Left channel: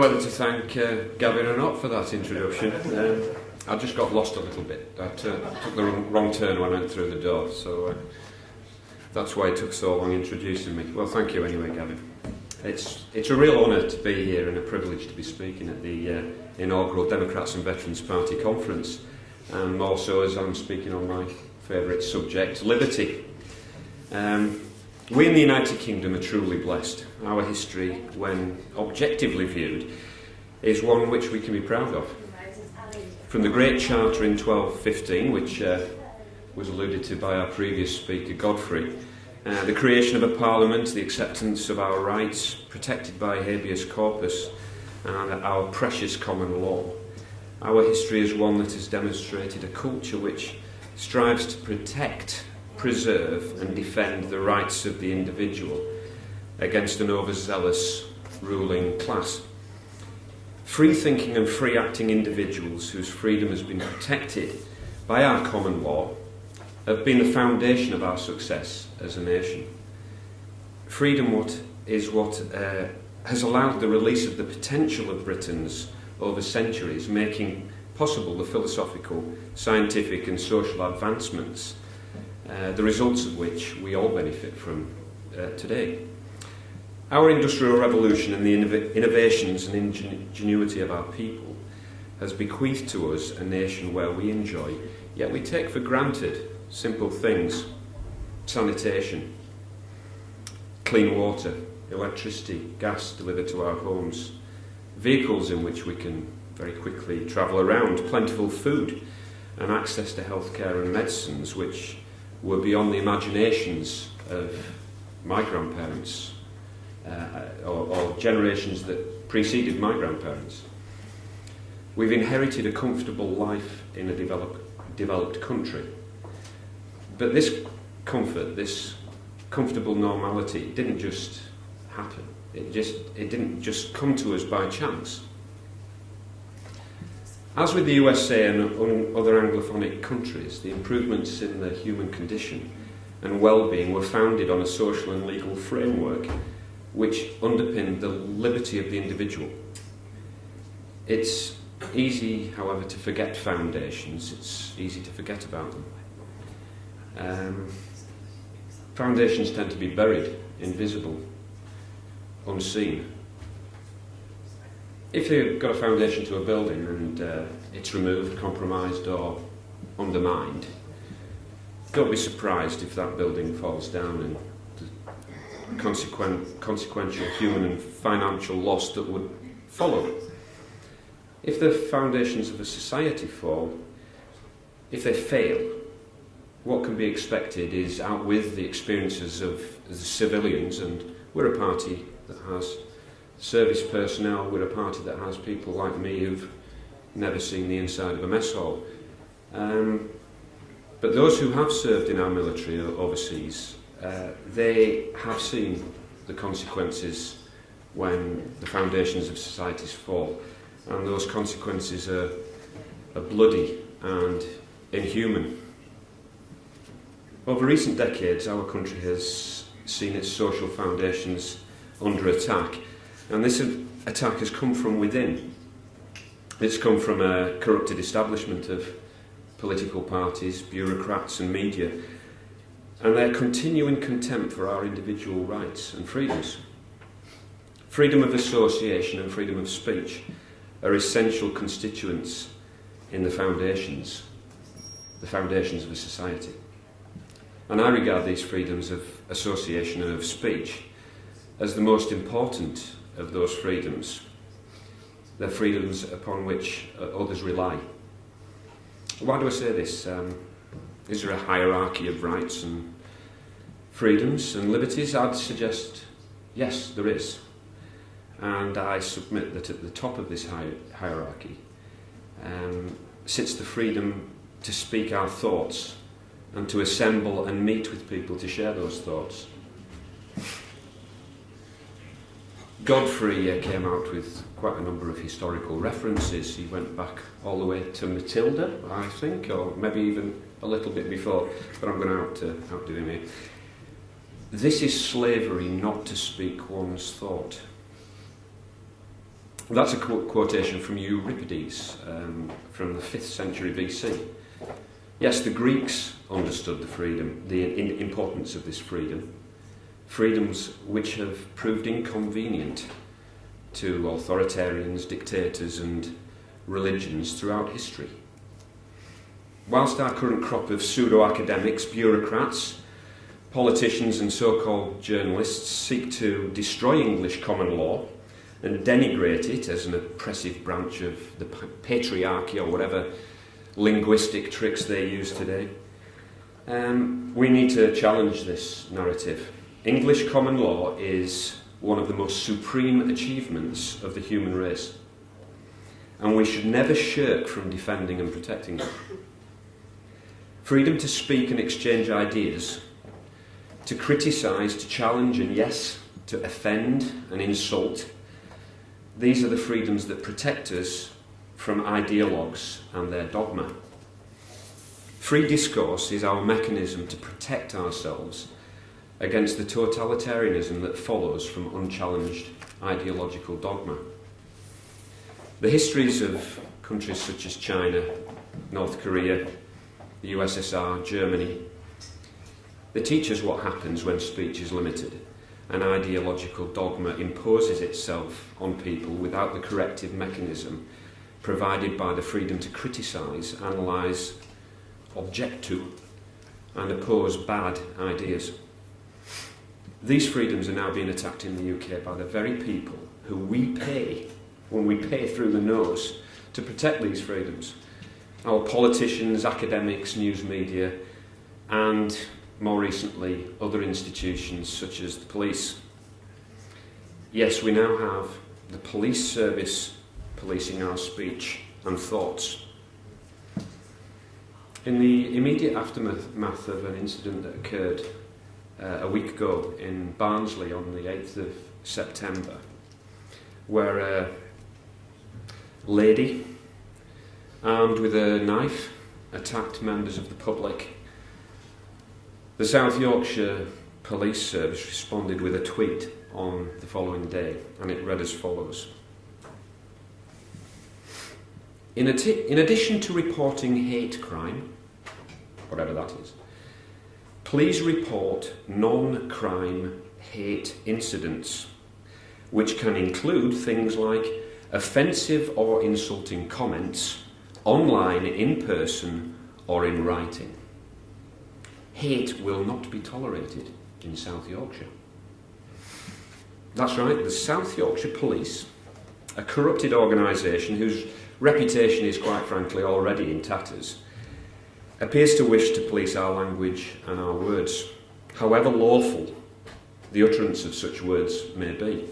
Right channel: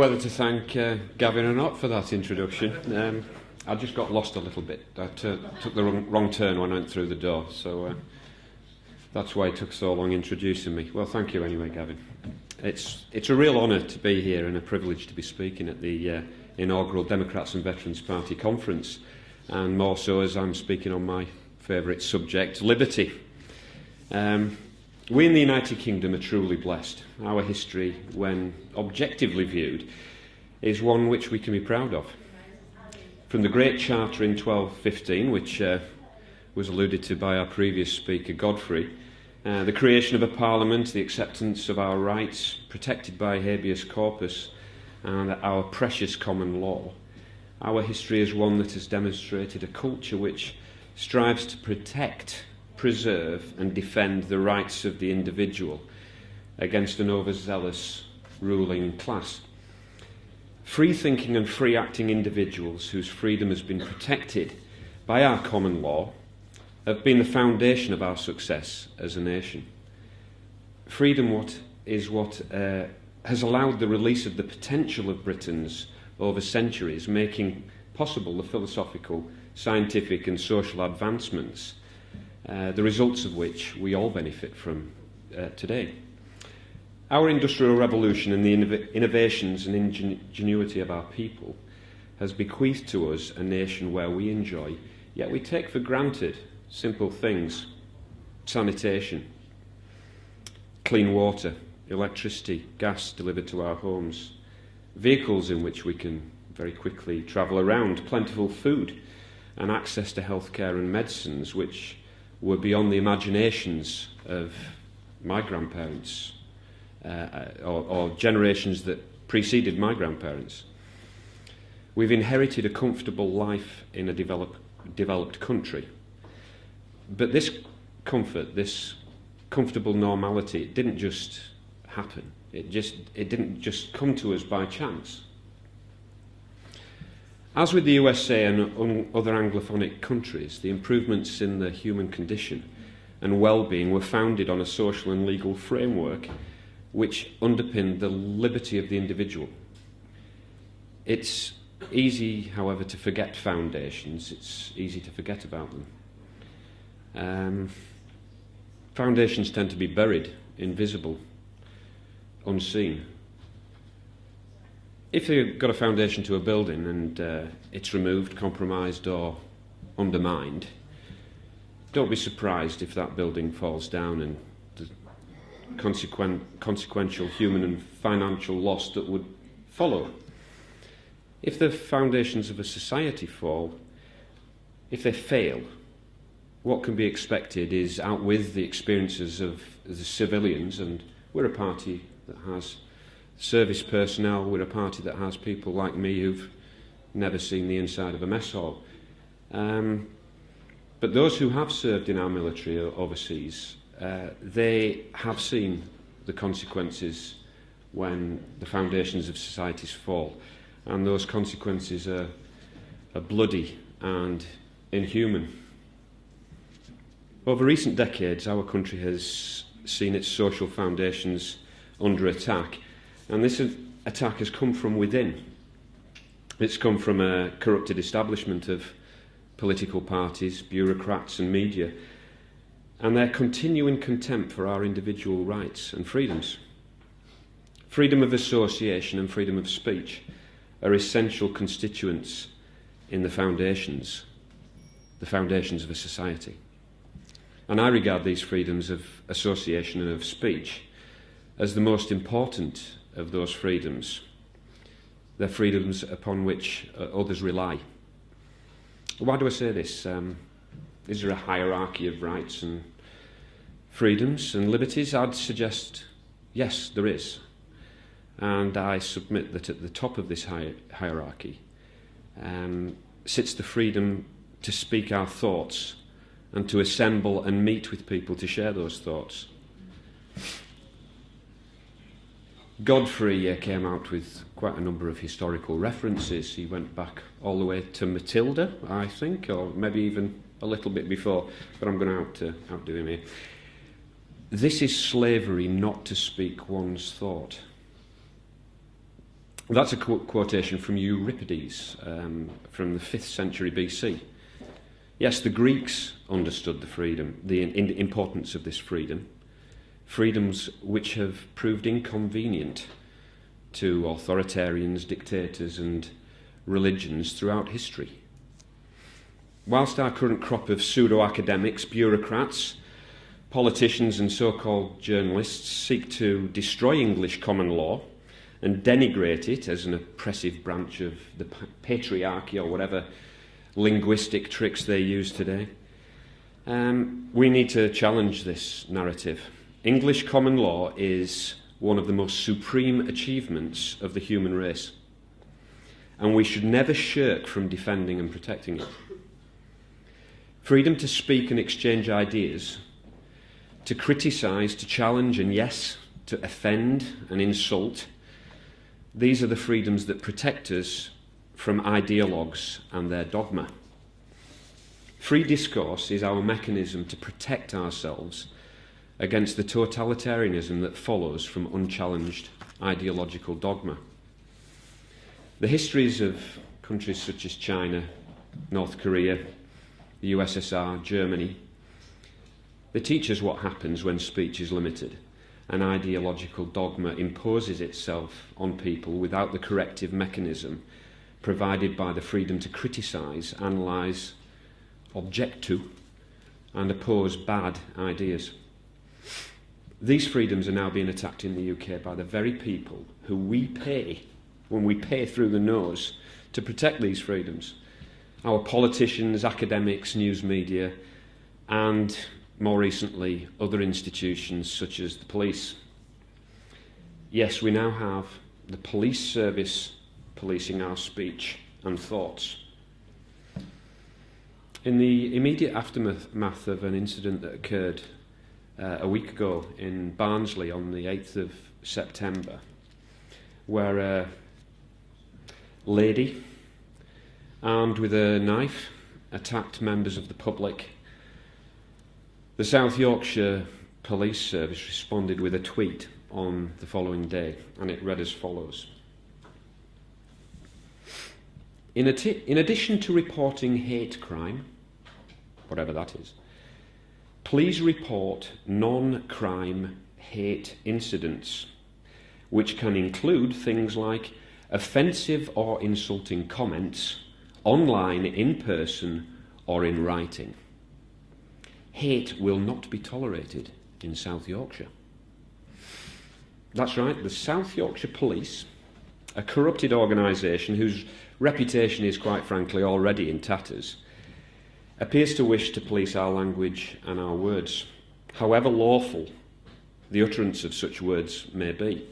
know whether to thank Gavin or not for that introduction. I just got lost a little bit. I took the wrong turn when I went through the door, so that's why it took so long introducing me. Well, thank you anyway, Gavin. It's a real honour to be here and a privilege to be speaking at the inaugural Democrats and Veterans Party conference, and more so as I'm speaking on my favourite subject, liberty. We in the United Kingdom are truly blessed. Our history, when objectively viewed, is one which we can be proud of. From the Great Charter in 1215, which was alluded to by our previous speaker, Godfrey, the creation of a parliament, the acceptance of our rights, protected by habeas corpus, and our precious common law. Our history is one that has demonstrated a culture which strives to protect, preserve and defend the rights of the individual against an overzealous ruling class. Free-thinking and free-acting individuals whose freedom has been protected by our common law have been the foundation of our success as a nation. Freedom is what has allowed the release of the potential of Britons over centuries, making possible the philosophical, scientific and social advancements, the results of which we all benefit from today. Our industrial revolution and the innovations and ingenuity of our people has bequeathed to us a nation where we enjoy, yet we take for granted, simple things: sanitation, clean water, electricity, gas delivered to our homes, vehicles in which we can very quickly travel around, plentiful food, and access to healthcare and medicines which were beyond the imaginations of my grandparents or generations that preceded my grandparents. We've inherited a comfortable life in a developed country. But this comfort, this comfortable normality, it didn't just happen. It didn't just come to us by chance. As with the USA and other Anglophonic countries, the improvements in the human condition and well-being were founded on a social and legal framework which underpinned the liberty of the individual. It's easy, however, to forget foundations. It's easy to forget about them. Foundations tend to be buried, invisible, unseen. If you've got a foundation to a building and it's removed, compromised or undermined, don't be surprised if that building falls down and the consequential human and financial loss that would follow. If the foundations of a society fall, if they fail, what can be expected is out with the experiences of the civilians, and we're a party that has service personnel, we're a party that has people like me who've never seen the inside of a mess hall. But those who have served in our military or overseas, they have seen the consequences when the foundations of societies fall. And those consequences are bloody and inhuman. Over recent decades, our country has seen its social foundations under attack. And this attack has come from within. It's come from a corrupted establishment of political parties, bureaucrats and media, and their continuing contempt for our individual rights and freedoms. Freedom of association and freedom of speech are essential constituents in the foundations of a society. And I regard these freedoms of association and of speech as the most important of those freedoms. They're freedoms upon which others rely. Why do I say this? Is there a hierarchy of rights and freedoms and liberties? I'd suggest yes, there is. And I submit that at the top of this hierarchy sits the freedom to speak our thoughts and to assemble and meet with people to share those thoughts. Godfrey came out with quite a number of historical references. He went back all the way to Matilda, I think, or maybe even a little bit before, but I'm going to outdo him here. This is slavery not to speak one's thought. That's a quotation from Euripides from the 5th century BC. Yes, the Greeks understood the importance of this freedom, freedoms which have proved inconvenient to authoritarians, dictators and religions throughout history. Whilst our current crop of pseudo-academics, bureaucrats, politicians and so-called journalists seek to destroy English common law and denigrate it as an oppressive branch of the patriarchy or whatever linguistic tricks they use today, we need to challenge this narrative. English common law is one of the most supreme achievements of the human race, and we should never shirk from defending and protecting it. Freedom to speak and exchange ideas, to criticise, to challenge and, yes, to offend and insult, these are the freedoms that protect us from ideologues and their dogma. Free discourse is our mechanism to protect ourselves against the totalitarianism that follows from unchallenged ideological dogma. The histories of countries such as China, North Korea, the USSR, Germany, they teach us what happens when speech is limited and ideological dogma imposes itself on people without the corrective mechanism provided by the freedom to criticise, analyse, object to and oppose bad ideas. These freedoms are now being attacked in the UK by the very people who we pay, when we pay through the nose, to protect these freedoms. Our politicians, academics, news media and, more recently, other institutions such as the police. Yes, we now have the police service policing our speech and thoughts. In the immediate aftermath of an incident that occurred a week ago in Barnsley on the 8th of September, where a lady armed with a knife attacked members of the public, the South Yorkshire Police Service responded with a tweet on the following day, and it read as follows. In addition to reporting hate crime, whatever that is, please report non-crime hate incidents, which can include things like offensive or insulting comments, online, in person, or in writing. Hate will not be tolerated in South Yorkshire. That's right, the South Yorkshire Police, a corrupted organisation whose reputation is quite frankly already in tatters, appears to wish to police our language and our words, however lawful the utterance of such words may be.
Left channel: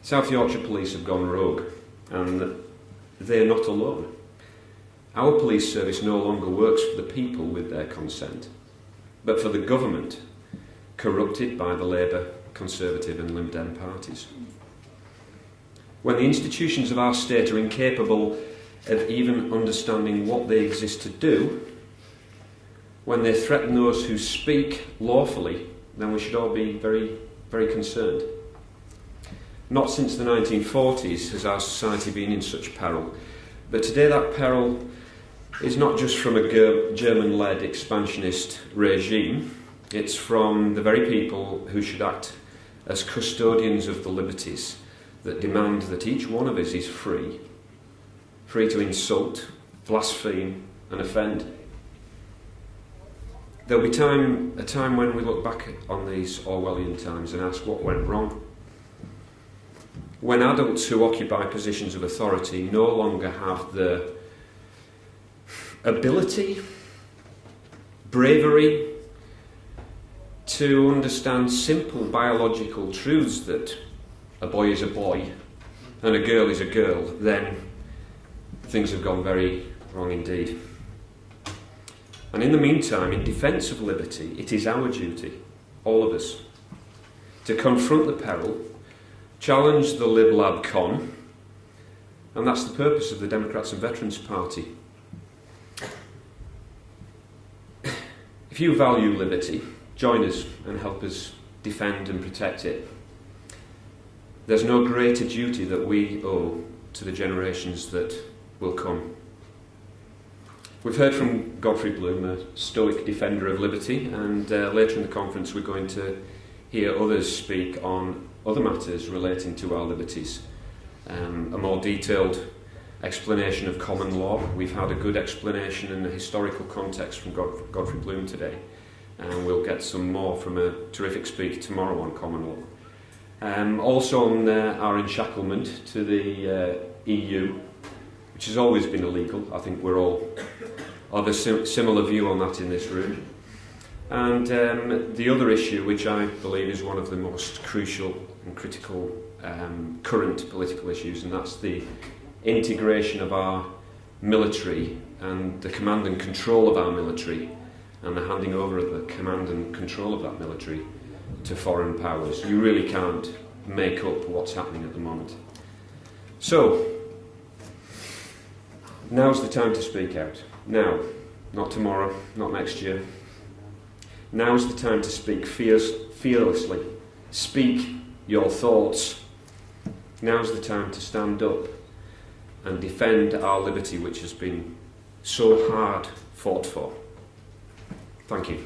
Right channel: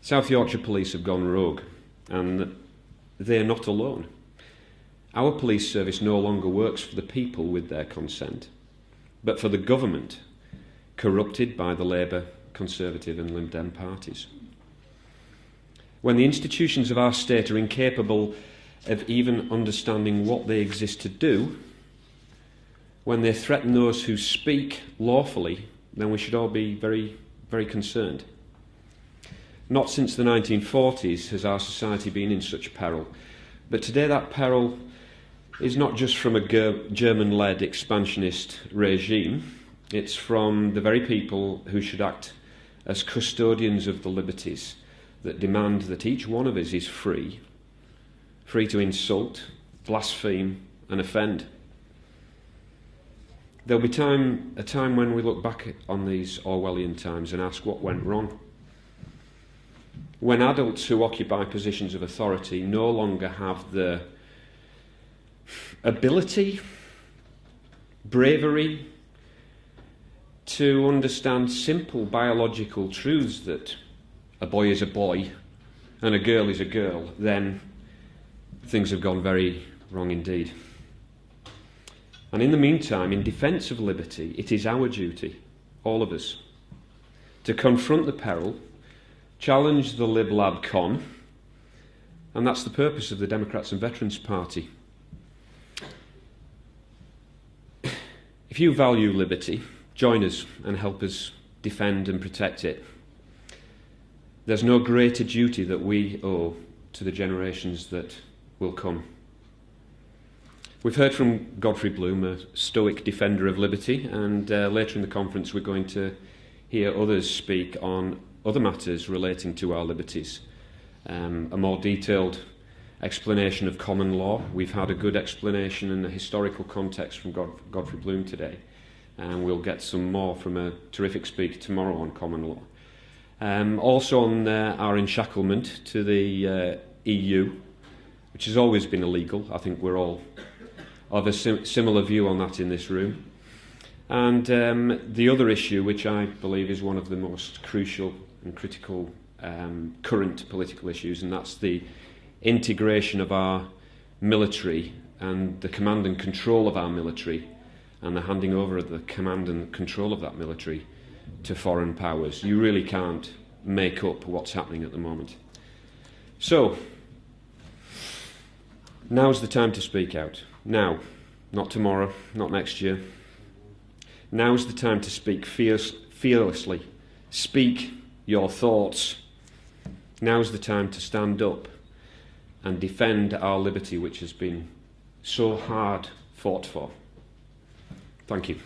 South Yorkshire Police have gone rogue, and they're not alone. Our police service no longer works for the people with their consent, but for the government, corrupted by the Labour, Conservative and Lib Dem parties. When the institutions of our state are incapable of even understanding what they exist to do, when they threaten those who speak lawfully, then we should all be very, very concerned. Not since the 1940s has our society been in such peril, but today that peril is not just from a German-led expansionist regime, it's from the very people who should act as custodians of the liberties that demand that each one of us is free to insult, blaspheme and offend. There'll be a time when we look back on these Orwellian times and ask what went wrong. When adults who occupy positions of authority no longer have the ability, bravery to understand simple biological truths that a boy is a boy and a girl is a girl, then things have gone very wrong indeed. And in the meantime, in defence of liberty, it is our duty, all of us, to confront the peril, challenge the lib-lab con, and that's the purpose of the Democrats and Veterans Party. If you value liberty, join us and help us defend and protect it. there's no greater duty that we owe to the generations that will come. We've heard from Godfrey Bloom, a stoic defender of liberty, and later in the conference we're going to hear others speak on other matters relating to our liberties. A more detailed explanation of common law. We've had a good explanation in the historical context from Godfrey Bloom today, and we'll get some more from a terrific speaker tomorrow on common law. Also on our enshacklement to the EU, which has always been illegal. I think we're all of a similar view on that in this room. And the other issue, which I believe is one of the most crucial and critical current political issues, and that's the integration of our military and the command and control of our military, and the handing over of the command and control of that military to foreign powers. You really can't make up what's happening at the moment. So, now's the time to speak out. Now, not tomorrow, not next year. Now's the time to speak fearlessly. Speak your thoughts. Now's the time to stand up and defend our liberty, which has been so hard fought for. Thank you.